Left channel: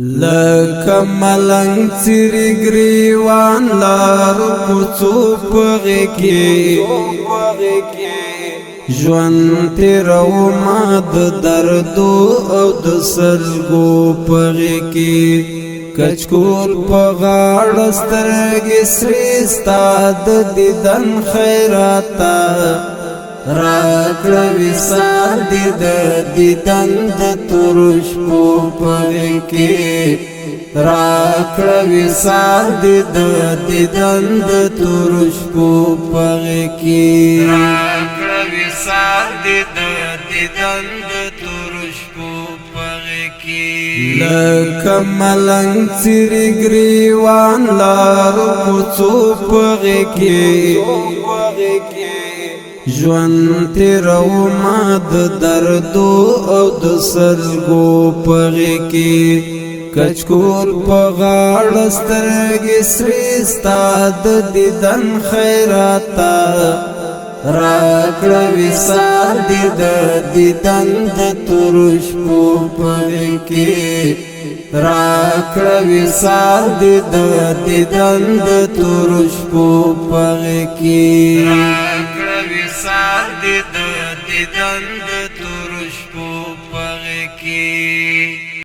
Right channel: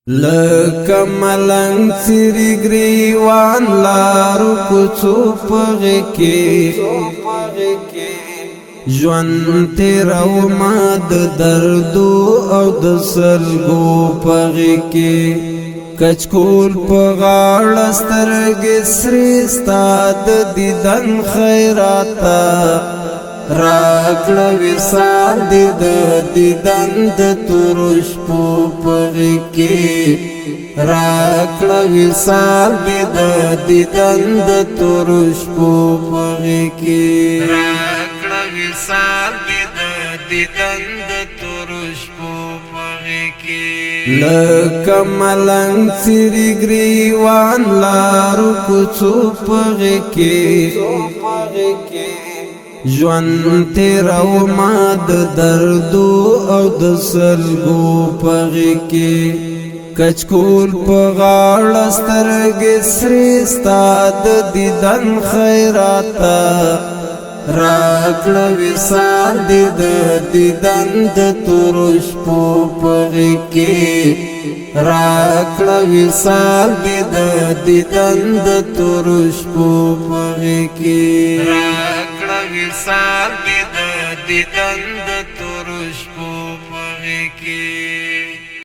لکه ملنګ څیري ګریوان لارو کوڅو پغې کې ژوند تیرومه د دردو او د سلګو پغې کې کچکول په غاړه سترګې سرې ستا د دیدن خیراته راکړه وصال دې د دیدن د تورو شپو پغې کې راکړه وصال دې د دیدن د تورو شپو پغې کې راکړه وصال دې د دیدن د تورو شپو پغې کې لکه ملنګ څیري ګریوان لارو کوڅو پغې کې ژوند تیرومه د دردو او د سلګو پغې کې کچکول په غاړه سترګې سرې ستا د دیدن خیراته راکړه وصال دې د دیدن د تورو شپو پغې کې راکړه وصال دې د دیدن د تورو شپو پغې کې